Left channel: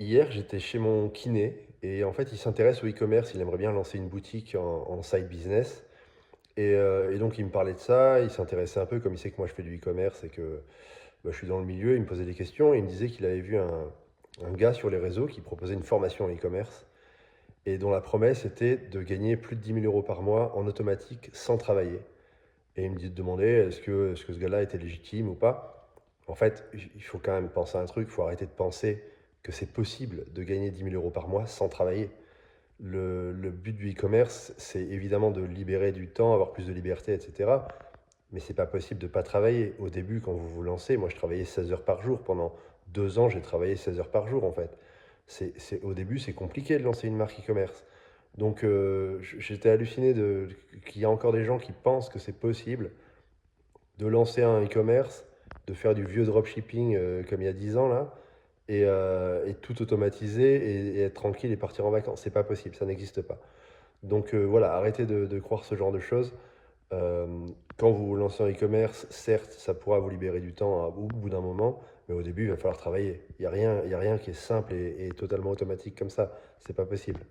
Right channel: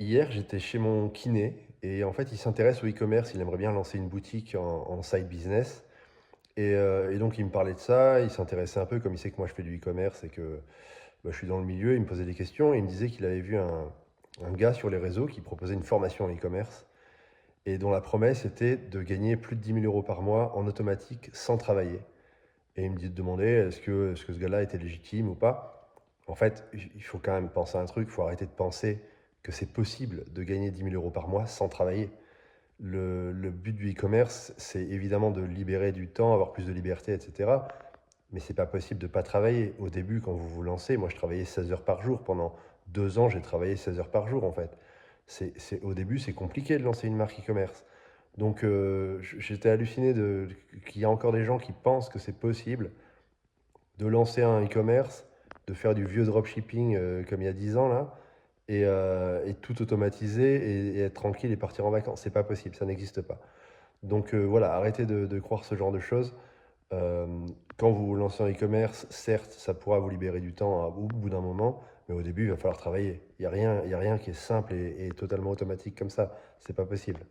Hier, j'étais chez mon kiné et en fait, il s'intéresse au e-commerce. Il aimerait bien lancer une boutique en side business. Et donc, il me parlait de ça. Il s'intéressait un peu, comme il sait que moi je fais du e-commerce et que je suis dans le milieu. Il me posait des questions et il me disait qu'il avait vu un gars sur les réseaux qui proposait une formation en e-commerce et dont la promesse était de gagner plus de 10 000 € par mois en automatique sans travailler. Et il me demandait est-ce que ce gars-là était légitime ou pas. En fait, il faut quand même penser à un truc, il faut arrêter de penser que c'est possible de gagner 10 000 € par mois sans travailler. Le but du e-commerce, c'est évidemment de libérer du temps, avoir plus de liberté, etc. Mais c'est pas possible de ne pas travailler. Au début, quand vous vous lancez, moi je travaillais 16 heures par jour. Pendant 2 ans, j'ai travaillé 16 heures par jour en fait. Au début, c'est compliqué de lancer une marque e-commerce. Donc j'étais halluciné qu'il y a encore des gens qui pensent que c'est possible de lancer un e-commerce, de faire du vieux dropshipping comme il y a 10 ans là, et tout automatiser et être tranquille et partir en vacances. C'est pas possible, ça n'existe pas. Donc voilà, arrêtez de croire ce genre de choses. Euh, Quand vous vous lancez en e-commerce, certes, ça pourra vous libérer du temps au bout d'un moment, mais au début, il va falloir travailler. Il n'y a rien qui est simple et totalement automatique comme ça. C'est pas possible.